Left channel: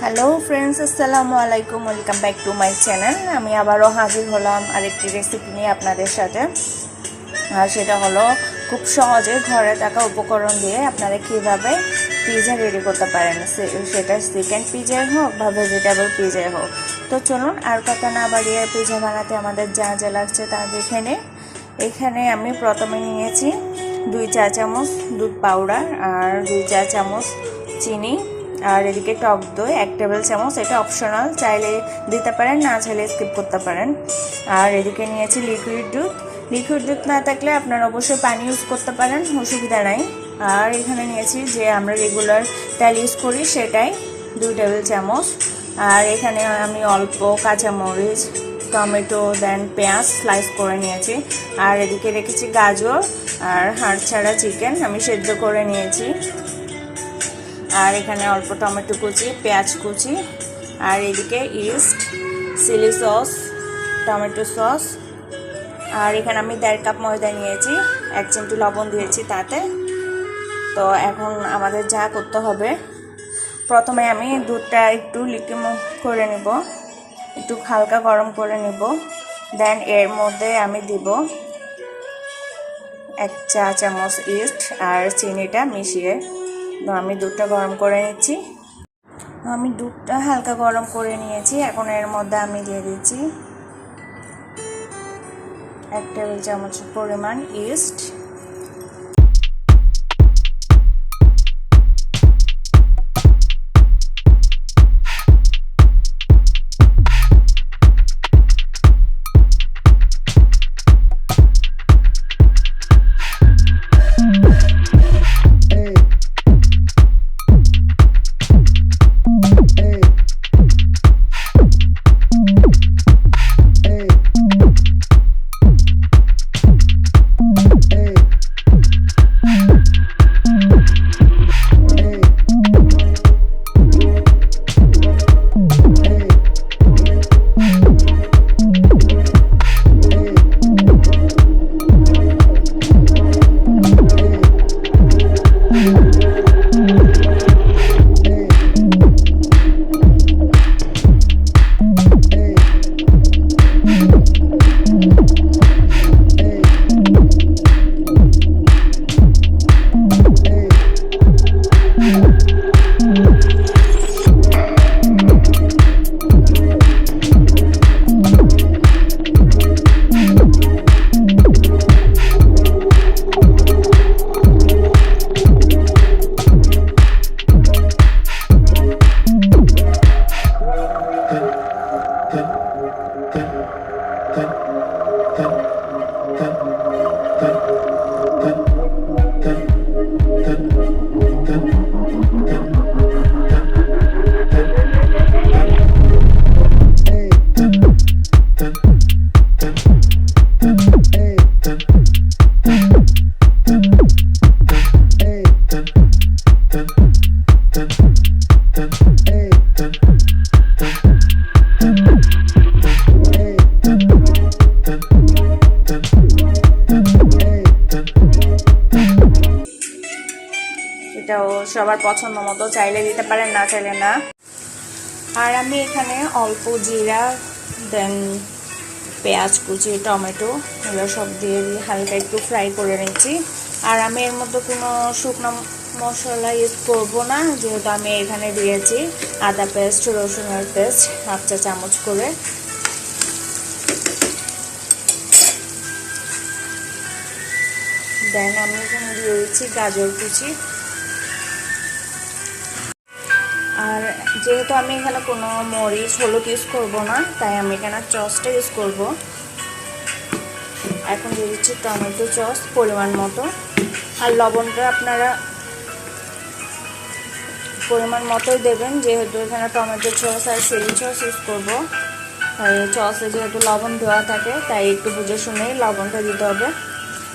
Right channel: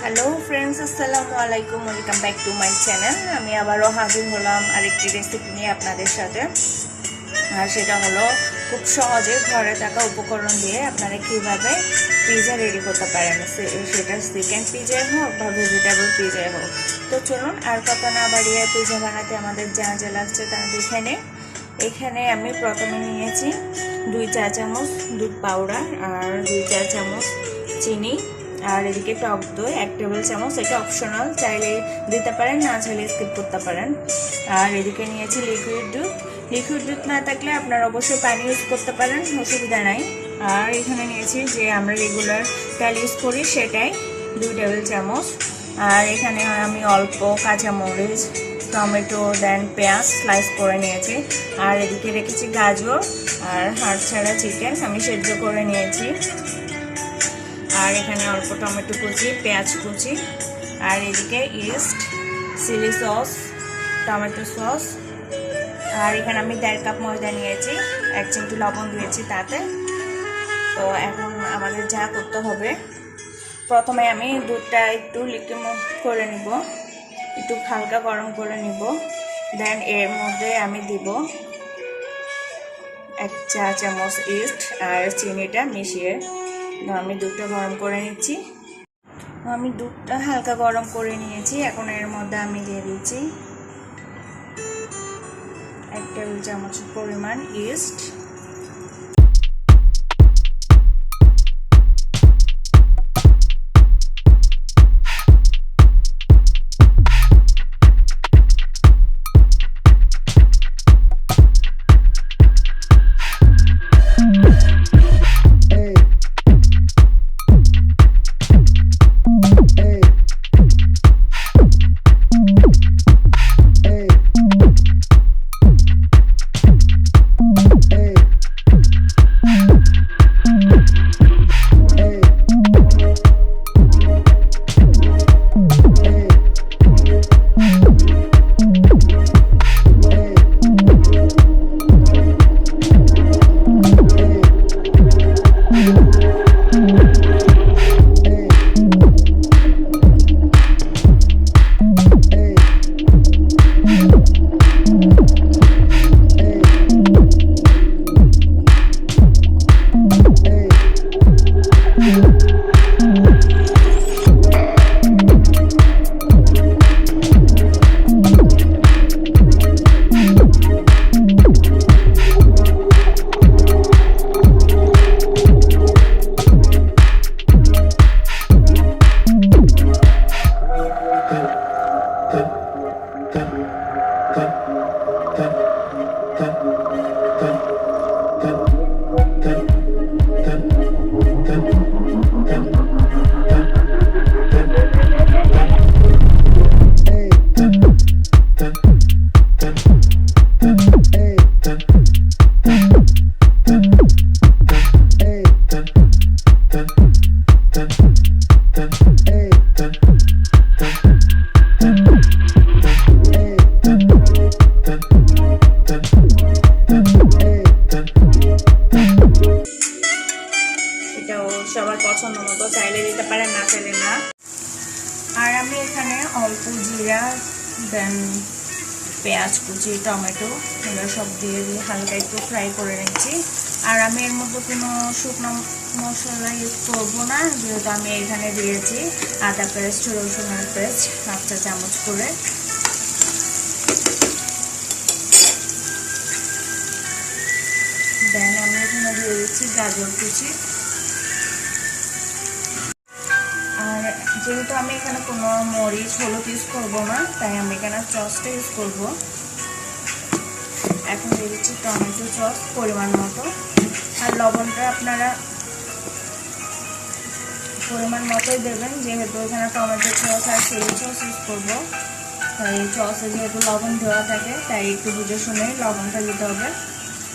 Hello friends আসসালামু আলাইকুম welcome back to my channel আমি আবারও হাজির হলাম আরেকটি রেসিপি নিয়ে আপনাদের সাথে। আর সেটা হলো, খুব সহজে ঘরে থাকা উপকরণ দিয়ে আপনারা কীভাবে পিজা রেডি করতে পারেন। সেটা চিকেন পিজাই হোক বা ভেজিটেবল পিজাই হোক। তো চলুন, আর কথা না বাড়িয়ে পিজা বানাতে আমাদের যা যা লাগছে তা দেখে নিই। এখানে আমি প্রথমে নিয়েছি দুই চা চামচ দুধ পাউডার আর দুই চা চামচ চিনি। আর এদিকে টক দই, এক টেবিল চামচ, এটা অপশনাল চাইলে দিতে পারেন, না চাইলে স্কিপ করতে পারেন। আর এদিকে নিয়েছি লিকুইড দুধ। লিকুইড দুধ না থাকলে আপনারা অবশ্যই পানি ইউজ করতে পারেন, অসুবিধা নাই। আর এখানে নিয়েছি যে আমরা রেগুলার তেল ইউজ করি, সেটাই দুই টেবিল চামচ। আর এখানে আমি অল্প কাঁচামরিচ, টমেটো দেন পেঁয়াজ স্লাইস করে নিয়েছি। আর এদিকে রেখেছি গাজর আর হাড় ছাড়া চিকেন আমি সেদ্ধ করে নিয়েছি। আর এখানে অল্প টমেটো কুচি, পেঁয়াজ কুচি, আর এদিকে yeast, chilli sauce, tomato sauce. আর এখানে আমি দেড় কাপ ময়দা নিয়েছি, এক চিমটি লবণ দিয়েছি তাতে। তো এখন আমাদের যা করতে হবে, প্রথমে আমি দুধটা একটু লিকুইড করে নিব। একটু হালকা গরম করে নিব। দেন এর মধ্যে আমি দিব এক চা চামচ ইস্ট আর চিনিটা মিশিয়ে। আমি দুধটা গরম করে নিচ্ছি। তো আমি দুধটা হালকা গরম করে নিয়েছি। এখন এর মধ্যে আমি দিয়ে দিচ্ছি এক টেবিল চামচ পরিমাণ ইস্ট সবার পছন্দ মতো চাইলে দিতে পারেন, না চাইলে না। আর আমি এখানে অল্প জিরা, দেন পেঁয়াজ কুচি, টমেটো, এগুলো সব দিয়ে দিয়ে হালকা একটু ফ্রাই করে নিচ্ছি। আর আমি এর মধ্যে কোনো শুকনো মশলা ইউজ করব না, যেহেতু আমি এখানে দিয়েছি আদা পেস্ট, রসুনের পেস্ট, হাফ চা চামচ করে। দেন আমি এখানে দিয়ে দিচ্ছি গাজর কুচি। যেহেতু আমি এখানে কোনো মরিচ, হলুদ ইউজ করব না, তাই আমি এখানে চসটা ইউজ করব। এখন দিয়ে দিচ্ছি টমেটো চস পরিমাণ মতো। আর লবণটা আপনারা পরিমাণ মতোই দেবেন, যেহেতু এখানে টমেটো চস আর চিলি চস ইউজ করব। তাই চসে যেহেতু লবণ দেওয়া থাকে, তাই একটু বুঝে শুনেই লবণটা দিতে হবে।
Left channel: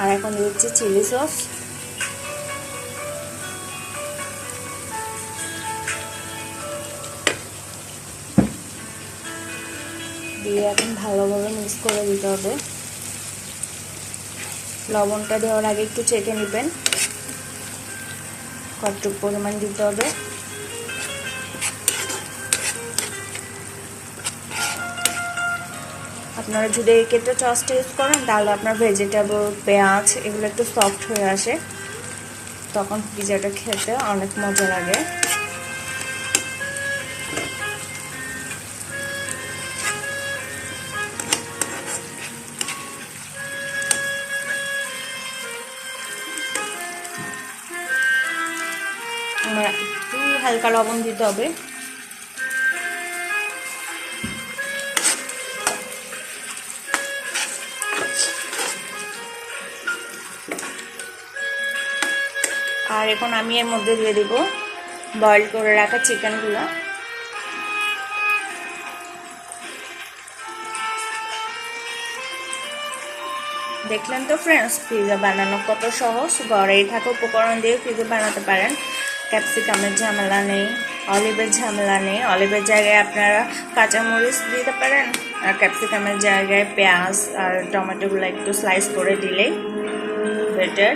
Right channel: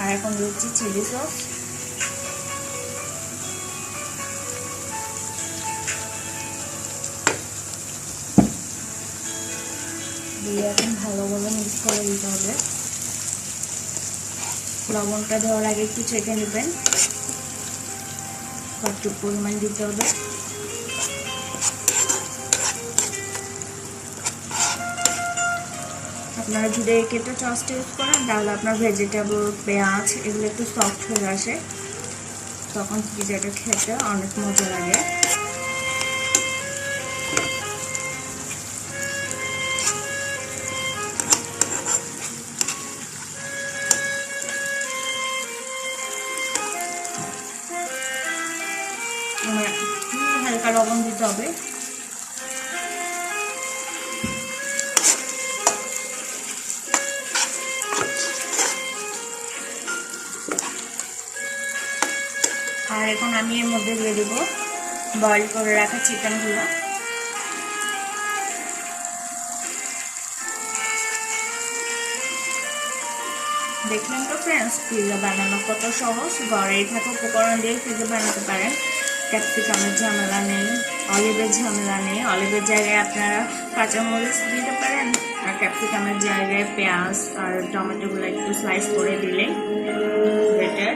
আর এখন দিচ্ছি চিলি সস। দিয়ে এখন ভালোভাবে মিক্স করে দিতে হবে। লবণটা দেওয়ার আগে একটু চেকে নেবেন। কতটুকু পরিমাণ দিতে হবে। আপনারা যদি এক্ষেত্রে চসটা ইউজ করেন, তাহলে আপনার ভেজিটেবল পেঁয়াজ, এগুলো একটু সফট হয়ে আসে। তখন পিজাটা খেতে অনেক মজা লাগে। দিতে হবে। আর এখন আমি এর মধ্যে দিয়ে দেব বয়েল করে রাখা চিকেনগুলো দেখলাম তো ফ্রেন্ডস পিজা বানানো কত সহজ। ঘরেই থাকা উপকরণ দিয়ে পিজা বানাতে পারেন। ক্যাপসিকামের ঝামেলা নেই, অলিভের ঝামেলা নেই। অলিভের জায়গায় আপনারা কাঁচামরিচ দিতে পারেন আর ক্যাপসিকামের জায়গায় পেঁয়াজ আর টমেটোগুলো একটু স্লাইস করে দিলেই বেটার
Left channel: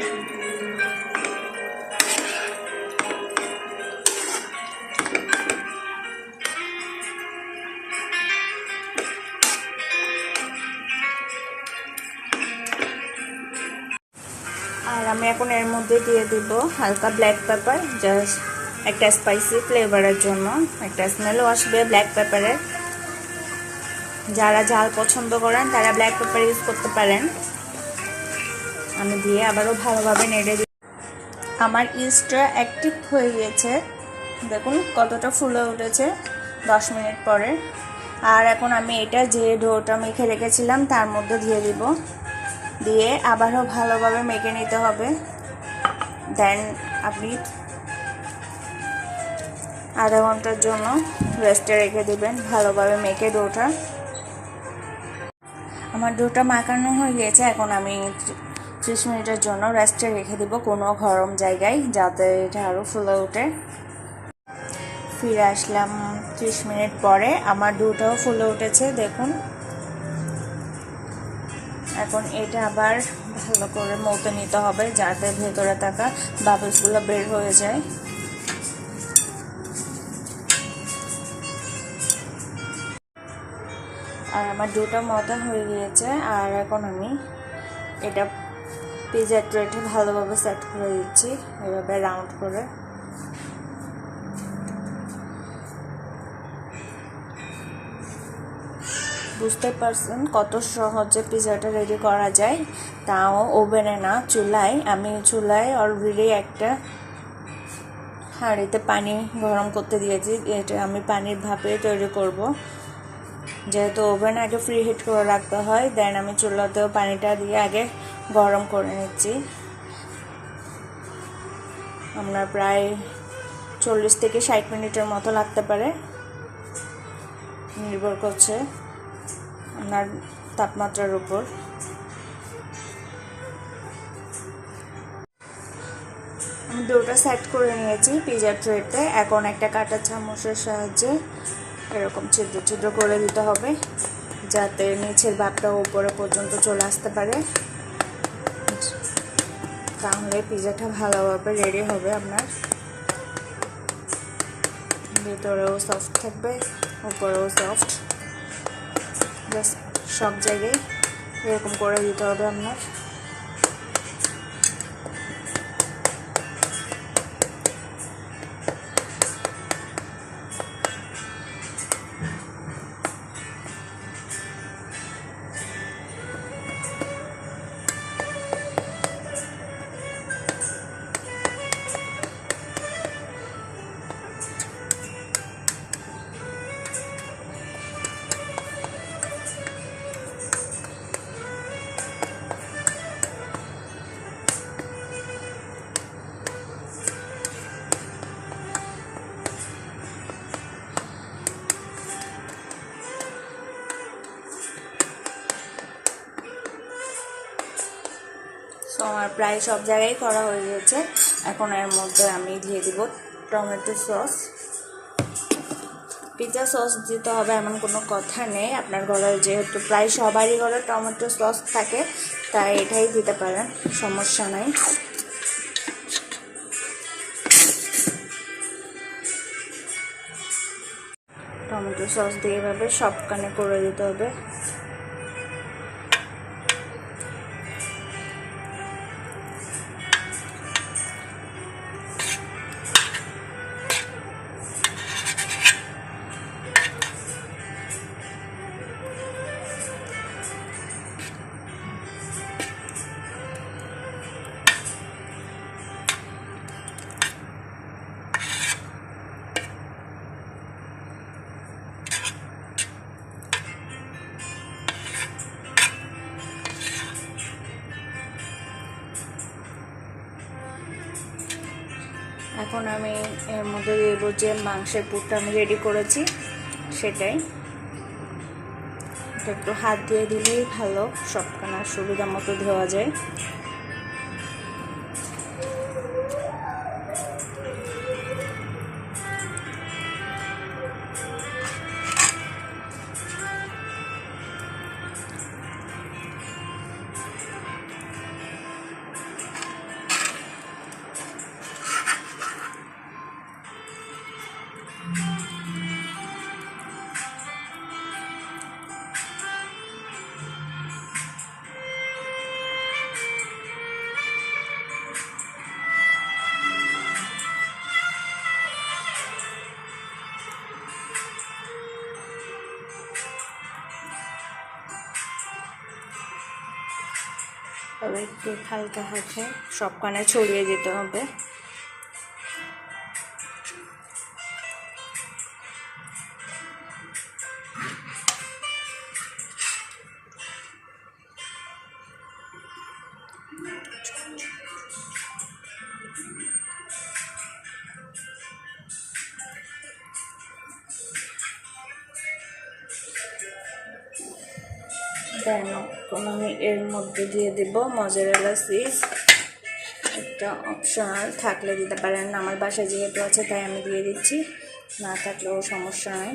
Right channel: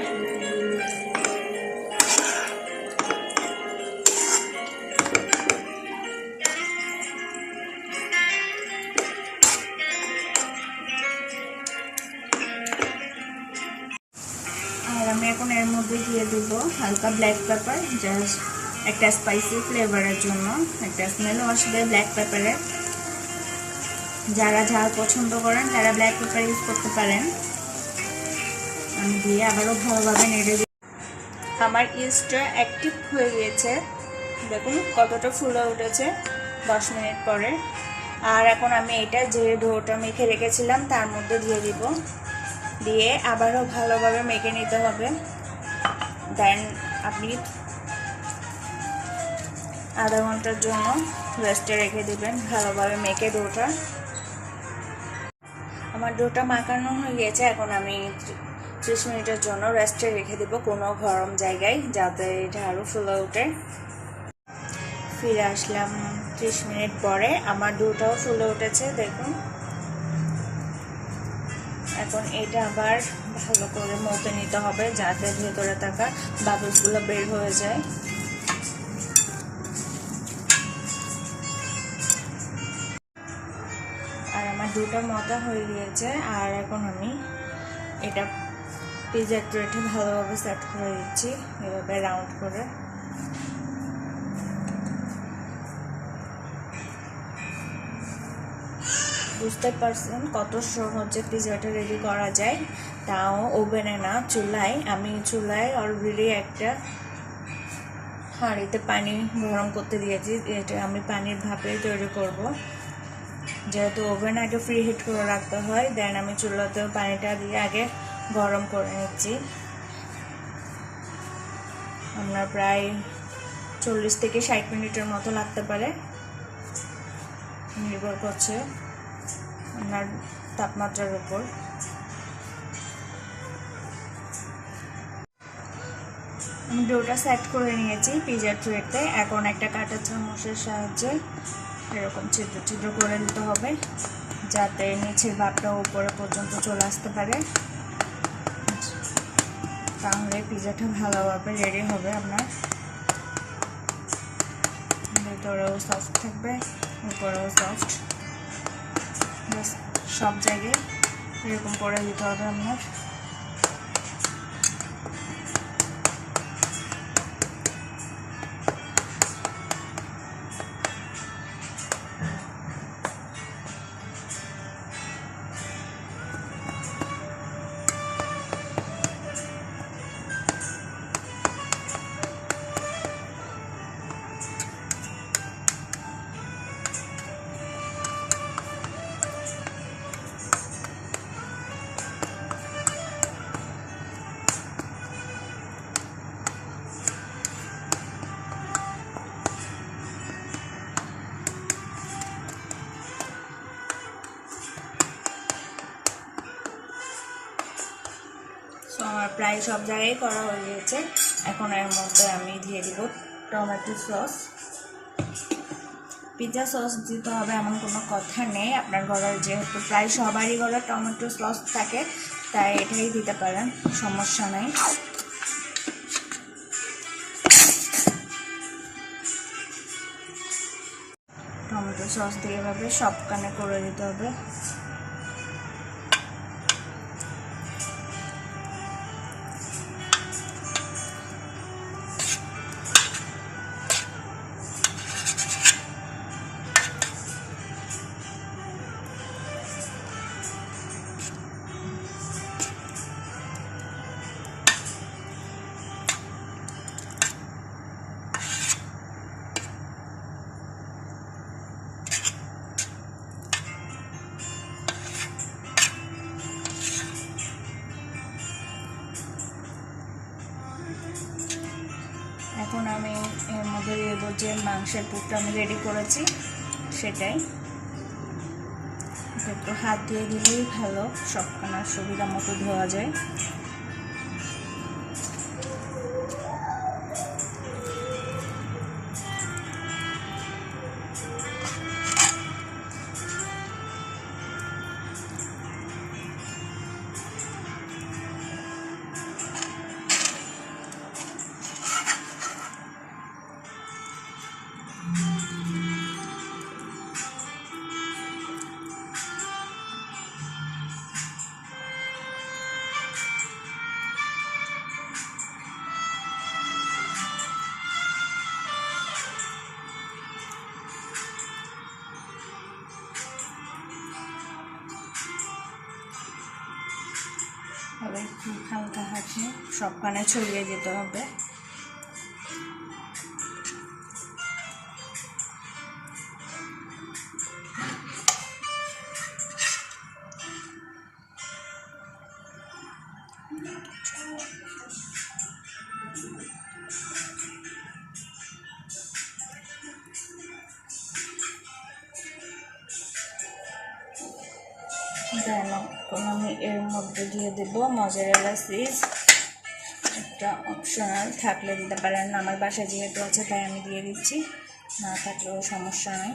দেব হালকা ব্ল্যাক পেপার জাস্ট একটা স্পাইসি ফ্লেভারের জন্য, একটা স্মেলও আসবে ব্ল্যাক পেপারের যারা ঝাল পছন্দ করেন, তারা ব্ল্যাক পেপার ইউজ করতে পারেন। আমি দিয়ে আবারও ভালোভাবে নেড়ে আমার ইস্টটা অ্যাক্টিভ হয়ে গিয়েছে। দেখুন কতটা ফুলে উঠেছে দশ মিনিট পরে। আর এখন আমি এটা যে ডোটা মেখে রেখেছিলাম, তার মধ্যে দিয়ে দিব। দিয়ে আবারও ভালোভাবে মেখে নিতে হবে। দেন আপনি আধা ঘণ্টার জন্য রেস্টে রেখে দেবেন, ভালোভাবে মেখে ডোটা আমার ডোটা মাখানো হয়ে গিয়েছে, এখন আমি ত্রিশ মিনিটের জন্য রেস্টে রেখে দিব কোনো গরম জায়গায়, যাতে এটা আরও ফুলে ওঠে। ফিরে আসলাম ত্রিশ মিনিট পরে, আমার ডোটাও ফুলে উঠেছে, দেখুন। এখন এটা আবার ভালো করে মতো নিতে হবে যাতে ভেতরে থাকা বাবলসগুলো বের হয়ে যায়। আর আমার দুটো মতা হয়ে গিয়েছে, আর এখন আমি এটা পিজার ট্রেটে ভালোভাবে সেট করে দিচ্ছি, এভাবে রাউন্ড করে। বুঝতে পারছেন কত সহজে পিজাটা রেডি করা যায়? তাও ওভেনে না, চুলায়। আমি চুলায় অলরেডি একটা হাঁড়িতে পানি গরম করতে দিয়েছি। এটা আমি পানির ভাপে তৈরি করব। যেহেতু ওভেন আগে ফ্রি হিট করে রাখতে হয় দেন আমি চুলাতেও পানিটা দিয়ে আগে গরম করে নিচ্ছি। আপনার প্রায় চল্লিশ থেকে ষাট মিনিটের মতো লাগতে পারে। নির্ভর করছে। আপনার তাপমাত্রার উপর। আমি ডোটা সেট করে নিয়েছি পিজার ট্রেতে এখন একটা কাটা চামচের সাহায্যে এরকম ছিদ্র ছিদ্র করে দিতে হবে, যাতে নিচের ভাবটা উপরে পর্যন্ত চলে আসতে পারে। তাহলে পিজাটা ভালোভাবে রেডি হবে আপনার। ভেতরেও সফট থাকবে, উপরেও সফট সব জায়গায় এরকম করে দিতে হবে আপনার প্রায় সব জায়গায় করা হয়ে গেছে। এখন এর মধ্যে আমি দিয়ে দিব টমেটো সস। পিৎজা সস দিতে হবে এমন কোনো কথা নেই। আপনার ঘরে যেহেতু প্রায় সবারই ঘরে টমেটো সস থাকে, তাই এটাই দিতে পারেন, সমস্যা নাই। টমেটো সস দিয়ে এভাবে সবখানে করে দিতে হবে। যে মাংসের পুরটা আমি রেডি করেছি, সেটাই। একটু হাত দিয়ে দিলেই ভালো, সবখানা সুবিধা মতো ধোয়া যায়। তবে একটু হালকা হাতে সবখানে ছড়িয়ে যেতে হবে। দেন। এখন আমি এর মধ্যে দিয়ে দেব মজারেলা চিজ একটা অপশনাল থাকলে দিতে পারেন। আমার বাসায় যেহেতু আছে, তাই আমি দিয়ে দিচ্ছি। না থাকলেও সমস্যা নেই।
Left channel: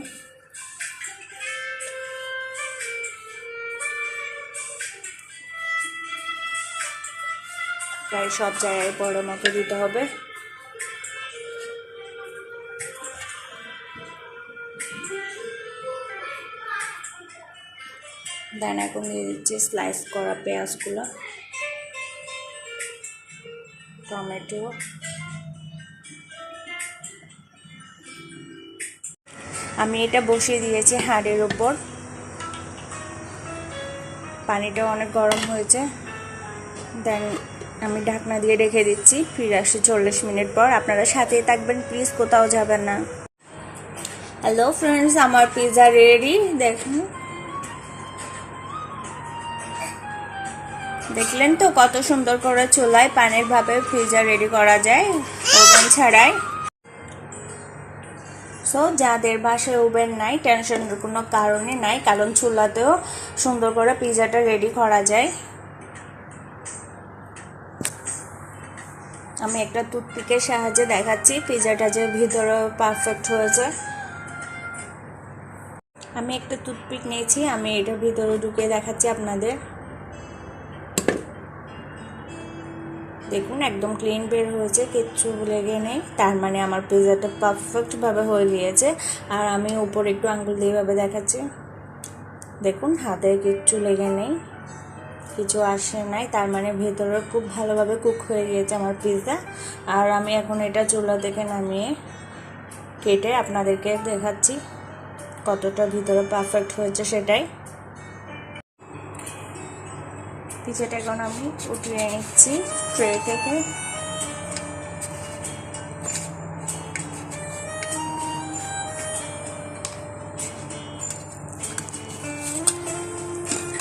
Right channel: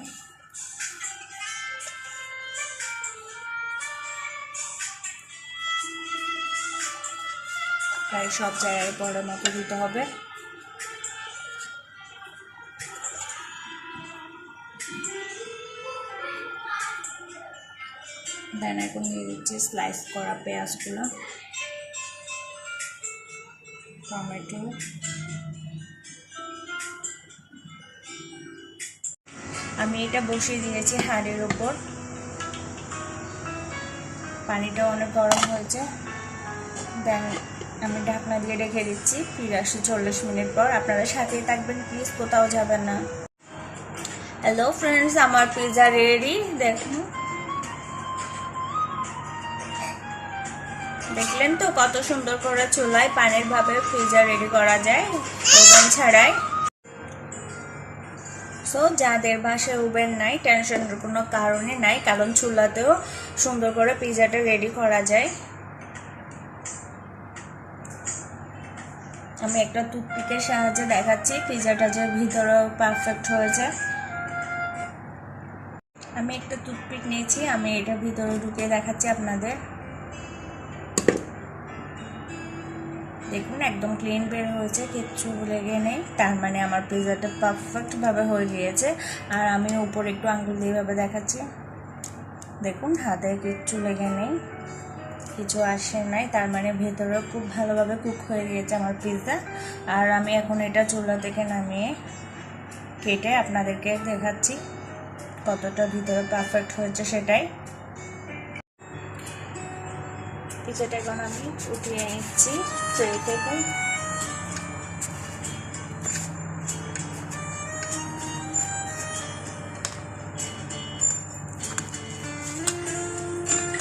প্রায় সব জায়গায় পরে মতো দিতে হবে। দেন এখন দিয়ে দিচ্ছি স্লাইস করা পেঁয়াজগুলো, টমেটো, আমি এটা বসিয়ে দিয়েছি হাড়ের ওপর পানিটা অনেক গরম হয়েছে। দেন আমি ঢাকনা দিয়ে রেখে দিচ্ছি, ফিরে আসি চল্লিশ মিনিট পর। আপনারা সাথেই থাকবেন প্লিজ কোথাও যাবেন না। হ্যালো ফ্রেন্ডস আমার পিৎজা রেডি দেখুন। দেখলেন তো কত সুন্দর করে চুলায় পানির ভাবে পিৎজা রেডি করা যায় ওভেন ছাড়াই। সো যাদের বাসায় ওভেন নাই টেনশনের কোনো কারণে নাই, কারণ চুলাতেও সুন্দর করে পিৎজাটা রেডি করা যায়। আমি একটা টুথপিকের সাহায্যে দেখাচ্ছি পিৎজাটা যে ভিতরে পারফেক্ট হয়েছে। আমি একটা টুথপিক নিয়েছি, আমি এটা ভিতরে ঢুকে দেখাচ্ছি আপনাদের। দেখুন, একদম ক্লিন বের হয়েছে, কিচ্ছু লেগে নেই। তার মানে আমার পিৎজাটা পারফেক্টভাবে হয়ে গিয়েছে। আর আমি উপর একটু আঙ্গুল দিয়ে ভাবে দেখাচ্ছি। দেখুন, হাতে কিচ্ছু লেগে নেই, কিছু আসে নাই। তার মানে ভেতরে খুব ভালোভাবে কুক হয়ে গিয়েছে আমার পিৎজা আর আমি এখন এটা চুলা থেকে নামিয়ে কেটে আপনাদেরকে দেখাচ্ছি কতটা ভিতরে পারফেক্ট হয়েছে সেটাই। পিঠাটা এখন আমি উঠিয়ে নিচ্ছি ট্রে থেকে।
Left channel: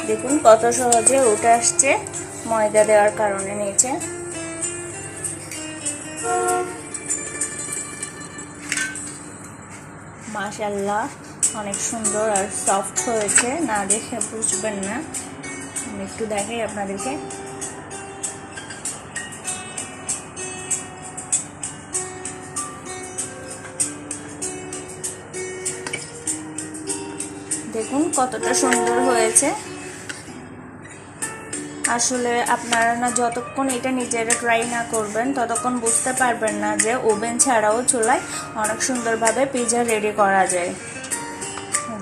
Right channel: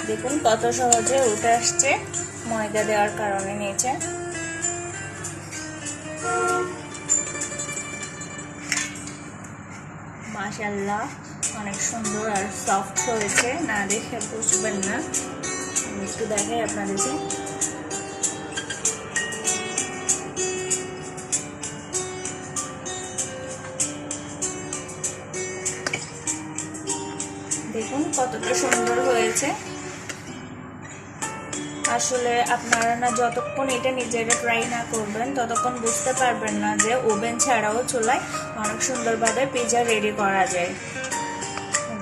দেখুন কত সহজে উঠে আসছে, ময়দা দেওয়ার কারণে নিচে। মাশাল্লাহ অনেক সুন্দর আর সফট হয়েছে, না দেখে বুঝবেন না। একটু দেখাই আপনাদেরকে। দেখুন কতটা সুন্দর হয়েছে। আসলে আপনারা না যতক্ষণ এটা নিজেরা ট্রাই না করবেন, ততক্ষণ বুঝতে পারবেন না যে ওভেন ছাড়াও চুলায় অনেক সুন্দরভাবে পিজা রেডি করা যায়।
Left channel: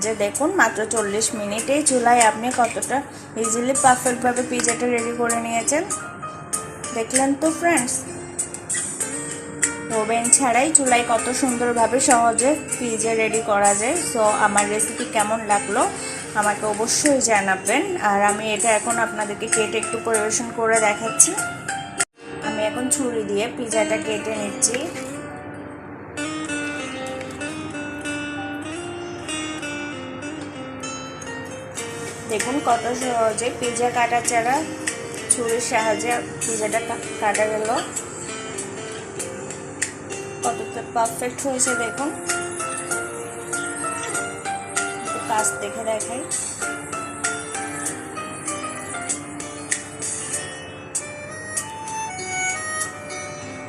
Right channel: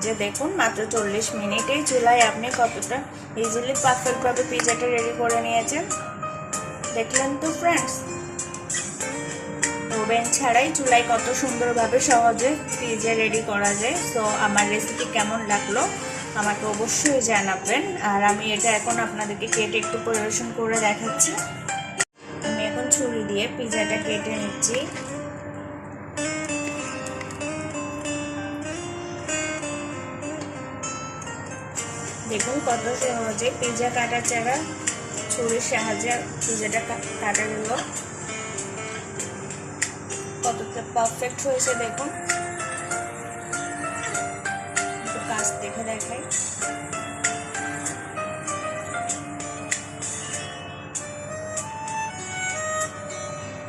যে দেখুন, মাত্র চল্লিশ মিনিটেই চুলায় আপনি কতটা ইজিলি পারফেক্টভাবে পিজাটা রেডি করে নিয়েছেন। দেখলেন তো ফ্রেন্ডস ওভেন ছাড়াই চুলায় কত সুন্দরভাবে সহজে পিজা রেডি করা যায়। সো আমার রেসিপি কেমন লাগল আমাকে অবশ্যই জানাবেন। আর আমি এটা এখন আপনাদেরকে কেটে একটু পরিবেশন করে দেখাচ্ছি। আমি এখন ছুরি দিয়ে পিজাটা কেটে নিচ্ছি। দেখুন কত সহজে পিজা কাটা ছাড়া ছুরির সাহায্যে পিজাটা কাটা গেল। কতটা পারফেক্ট হয়েছে দেখুন। কাজ দেখে দেখাই।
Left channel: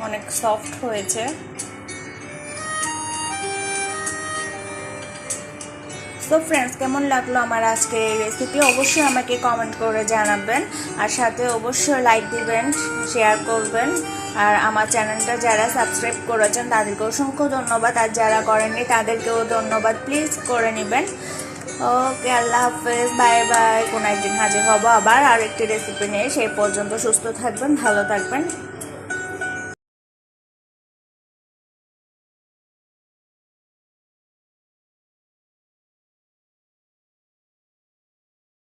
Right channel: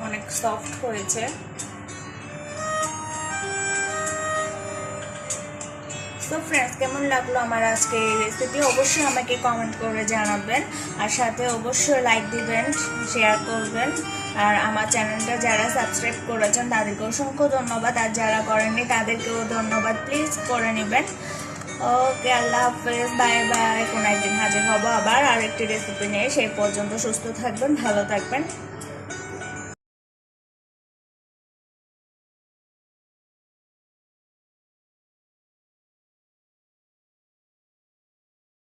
অনেক সফট হয়েছে। তো ফ্রেন্ডস কেমন লাগল আমার আজকে এই রেসিপি অবশ্যই আমাকে কমেন্ট করে জানাবেন। আর সাথে অবশ্যই লাইক দিবেন শেয়ার করবেন। আর আমার চ্যানেলটা যারা সাবস্ক্রাইব করেছেন তাদেরকে অসংখ্য ধন্যবাদ। আর যারা করেননি, তাদেরকেও ধন্যবাদ। প্লিজ করে নেবেন। ওকে আল্লাহ হাফেজ। বাই বাই কোনো একদিন হাজির হব আবার। আরেকটি রেসিপি নিয়ে সেই পর্যন্ত সুস্থ থাকবেন, ভালো থাকবেন।